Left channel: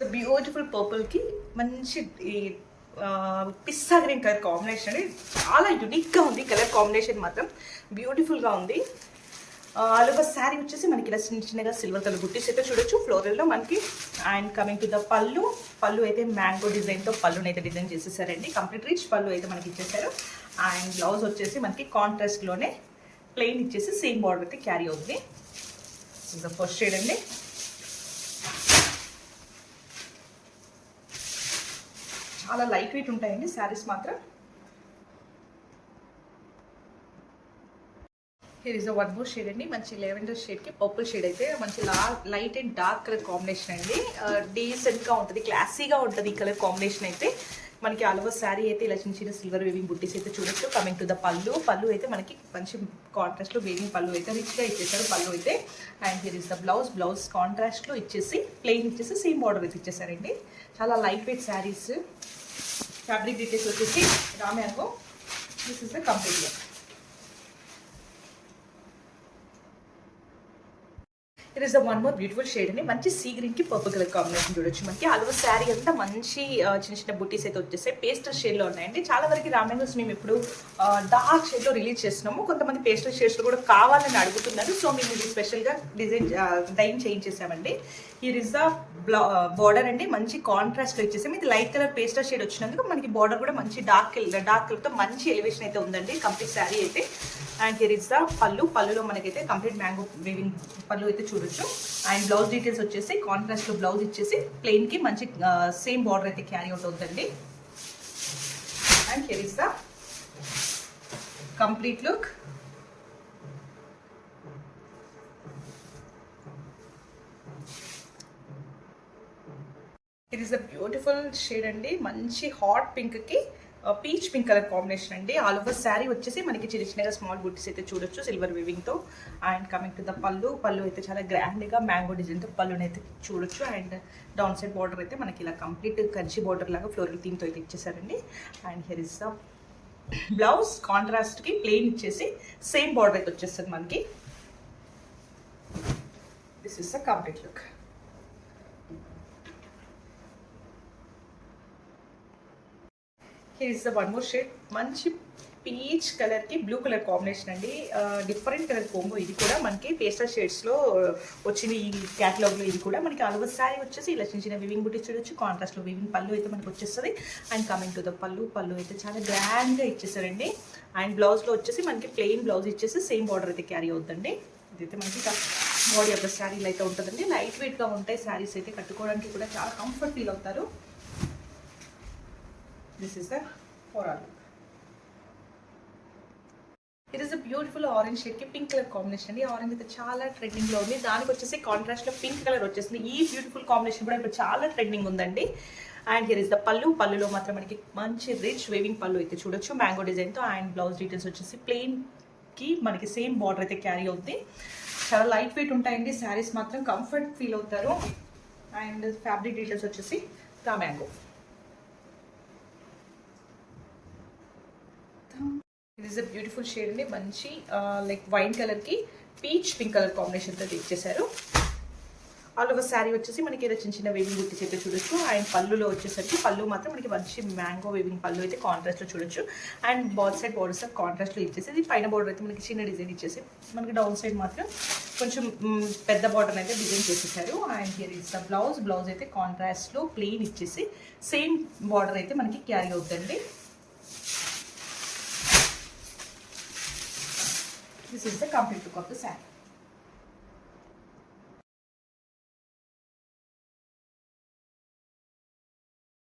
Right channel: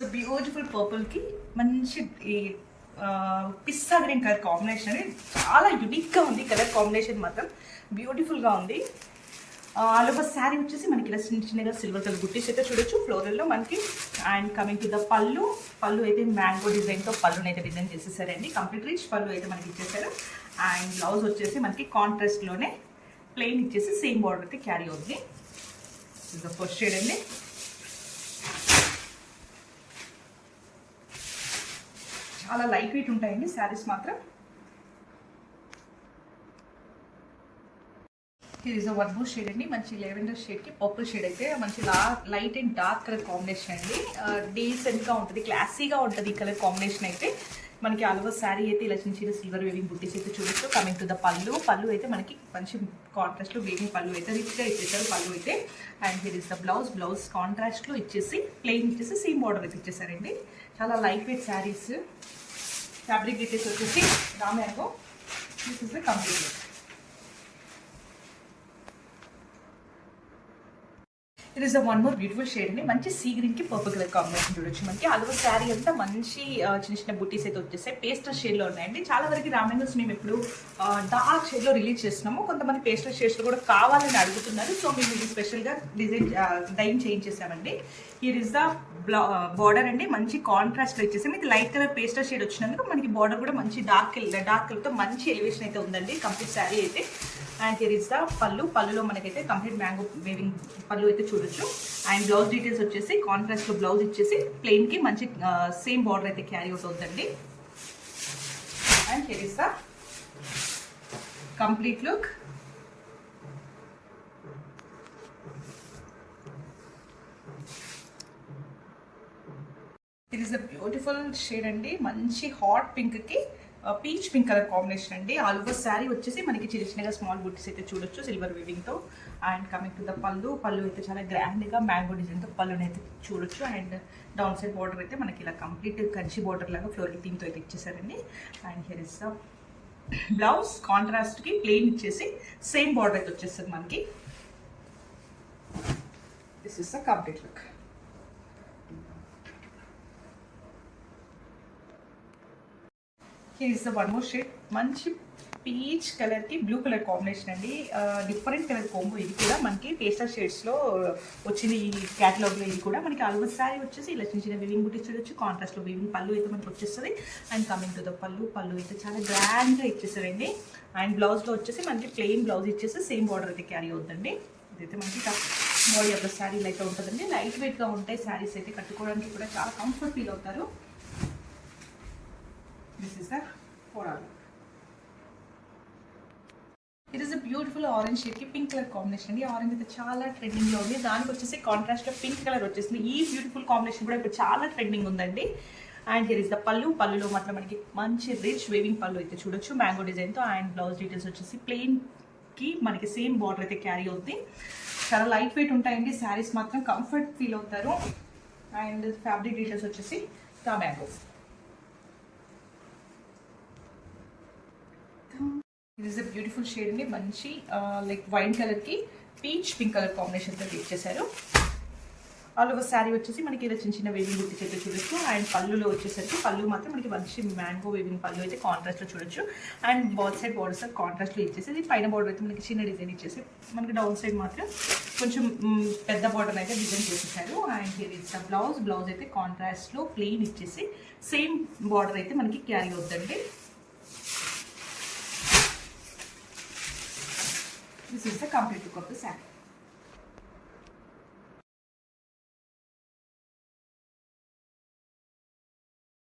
Beautiful purple కి మంచి పిస్తా green colour combination అండి. చాలా యునిక్ గా ఉంది కలర్ కాంబినేషన్, మాత్రం బ్యూటిఫుల్ గా ఉంది. ఆల్ ఓవర్ శారీ వచ్చేసి మనకి ఇలా చిన్న చిన్నగా సిల్వర్ కలర్ బుట్టీస్ అయితే చూడొచ్చు ఫ్లోరల్ లో మనకి. అండ్ కమింగ్ టు ద పళ్ళు అయితే మ్యాంగో డిజైన్ తో పళ్ళుని అయితే డిజైన్ చేసేసారండి. కంప్లీట్ రిచ్ పళ్ళు అయితే మనకి ఇచ్చేసారు. అండ్ బ్లౌజ్ వచ్చేసి మనకి కాంట్రాస్ట్ లోనే ప్లెయిన్ ఇచ్చేసి సేమ్ బార్డర్ అయితే క్యారీ అవుతుంది. ఫస్ట్ షేడ్ అండి. చాలా లైట్ వెయిట్ ఉంటాయండి శారీస్ మాత్రం. Here is one more shade అండి. మంచి లెవెండర్ షేడ్ కి పర్పుల్ షేడ్ అయితే మంచి light and dark colour combination అండి. డీసెంట్ గా ఉంటుంది, క్లాసీగా ఉంటుంది ఈ కలర్ కాంబినేషన్ అయితే. మనకి ఆల్ ఓవర్ శారీ అయితే ఇలా చిన్న చిన్న సిల్వర్ వేవింగ్ బుట్టీస్ అయితే చూడొచ్చు. కమింగ్ టు ద పళ్ళు అయితే మనకి మంచి కాంట్రాస్ట్ లో వేవింగ్ పళ్ళు అయితే రిచ్ గా ఇచ్చేసారు పళ్ళు అయితే. And here is the blouse contrast లో ఇచ్చేసి ప్లెయిన్ ఇచ్చేసి సేమ్ బార్డర్ అయితే ఇచ్చేసారండి. చాలా light weight saris. Fabric details వచ్చేసి raw mango. This is the complete look. It is the one more beautiful shade అండి. మంచి సీ గ్రీన్ కి పర్పుల్ కలర్ కాంబినేషన్ చూడొచ్చు. మనకి ఆల్ ఓవర్ శారీ అంతా మంచి చిన్న చిన్న బుట్టీస్ అయితే వచ్చేసాయి. పేస్టల్ షేడ్ లో ఉన్నాయండి. చాలా వరకు రామ్యాంగోస్ మేము ఇప్పుడు డార్క్ షేడ్ లో రిలీజ్ చేస్తున్నాము. కొంతమంది పేస్టల్ షేడ్స్ లో కూడా కావాలని అడుగుతున్నారు. సో మేము ఇది స్పెషల్ గా డైన్ చేయించేసామండి. హియర్ ఇస్ ద బార్డర్ అండి. మంచి కాంట్రాస్ట్ వచ్చేసి ఇది లైట్ కలర్ పేస్టల్ షేడ్ వచ్చినందుకు మనకి బార్డర్ కూడా మంచి డార్క్ కలర్ తో మంచి ఎలివేషన్ అయితే ఉందండి కంప్లీట్ శారీ అయితే. అండ్ హియర్ ఇస్ ద పళ్ళులో మనకైతే కంప్లీట్ మ్యాంగో వేవింగ్ పళ్ళు అయితే చూడొచ్చు. అండ్ బ్లౌజ్ డీటెయిల్స్ వచ్చేసి కాంట్రాస్ట్ లో బ్లౌజ్ ఇచ్చేసి ప్లెయిన్ కి మంచి సేమ్ బార్డర్ అయితే క్యారీ అవుట్ అవుతుందండి. And here is the complete look. It is a beautiful shade అండి. మంచి హాట్ పింక్ కి పీచ్ పింక్ కలర్ కాంబినేషన్ అండి. ఆల్ ఓవర్ శారీ వచ్చేసి మనకి చిన్న చిన్నగా స్మాల్ బుట్టీస్ అయితే చూడొచ్చు సిల్వర్ వీవింగ్ తో. అండ్ కమింగ్ టు ద పళ్ళు అయితే చాలా గ్రాండ్ గా మ్యాంగో డిజైన్ తో పళ్ళుని అయితే చూడొచ్చు. అండ్ డౌన్ సైడ్ బార్డర్ అయితే మనకి ఇలా కంప్లీట్ కంచి బార్డర్ లాగా ఫ్లోరల్ థీమ్ తో అయితే ఇచ్చేసారండి. And here is the blouse contrast కి ప్లెయిన్ ఇచ్చేసి సేమ్ బార్డర్ అయితే వచ్చేస్తుంది మనకి. This is the complete look. Here is the one more shade. మంచి పీచ్ కలర్ కి బ్లూ కలర్ కాంబినేషన్ అండి. Different colour combo. ఇది కూడా మనకి పేస్టల్ షేడ్స్ లో వచ్చింది ఈ క్యాటలాగ్ లో. ఇది కూడా మనకి ఆల్ ఓవర్ శారీ వచ్చేసి ఇలా చిన్న చిన్న వివింగ్ బుట్టి చూడొచ్చు. కాంట్రాస్ట్ లో వివింగ్ పళ్ళు అయితే మనకి వచ్చేస్తుంది. అండ్ కమింగ్ టు ద పళ్ళు అయితే చాలా గ్రాండ్ గా ఇచ్చేసారండి. అండ్ బ్లౌజ్ లో వచ్చేసి మనకి ప్లెయిన్ బ్లౌజ్ ఇచ్చేసి సేమ్ బార్డర్ అయితే క్యారీ అవుతుందండి. ఇదైతే మనకి బాడీ ఆఫ్ ద శారీలు అయితే ఉంటుందండి. లైట్ వెయిట్ గా ఉంటాయి శారీస్ అయితే, కట్టుకోవడానికి కూడా చాలా కంఫర్ట్ ఫీల్ అవుతారు. This is the overall look. It is a beautiful orange shade ki pink color combination అండి. ఆరెంజ్ అయితే చాలా ట్రెండింగ్ లో ఉంది. దానికి వచ్చేసి కాంట్రాస్ట్ లో పింక్ కలర్ వచ్చేసింది. ఈ బ్యూటిఫుల్ కాంబినేషన్ కూడా ఇప్పుడు చాలా ట్రెండింగ్ ఉందండి. అండ్ హియర్ ఇస్ ద పళ్ళులో మాత్రం మనకి మంచి రిచ్ వేవింగ్ పళ్ళు అయితే చూడొచ్చు మ్యాంగో డిజైన్ తో. అండ్ బ్లౌజ్ డీటెయిల్స్ వచ్చేసి ప్లెయిన్ కి మనకి సేమ్ బార్డర్ అయితే క్యారీ అవుతుంది. చాలా లైట్ వెయిట్ ఉంటాయండి శారీస్ మాత్రం, కంఫర్ట్ ఫీల్ అవుతారు. అండ్ ఫ్యాబ్రిక్ డీటెయిల్స్ వచ్చేసి మ్యాంగో. ఇది ఇస్ అ బ్యూటిఫుల్ షేడ్ అండి. మంచి లైక్ వైన్ కలర్ కి పీచ్ పింక్ కలర్ కాంబినేషన్ తో ఇచ్చేసారు. ఆల్ ఓవర్ శారీ వచ్చేసి మనకి ఏదో చిన్న చిన్న వేవింగ్ బుట్టీస్ అయితే చూడొచ్చు. అండ్ పళ్ళులో వచ్చేసరికి పళ్ళు మాత్రం మనకి మంచి మ్యాంగో వేవింగ్ పళ్ళు అయితే కాంట్రాస్ట్ లో చూడొచ్చు. And ball side borders contrast లో ఇచ్చేసి ఇది పైన బార్డర్ అయితే మనకి చిన్న డిజైన్ ఇచ్చేసి మనకి డౌన్ సైడ్ మాత్రం కొంచెం పెద్ద బార్డర్ అయితే డిజైన్ చేసేసారు. And here is the blouse అయితే కాంట్రాస్ట్ లో ప్లెయిన్ ఇచ్చేసి సేమ్ బార్డర్ అయితే మనకి క్యారీ అవుతుందండి. This is the complete look of the saree.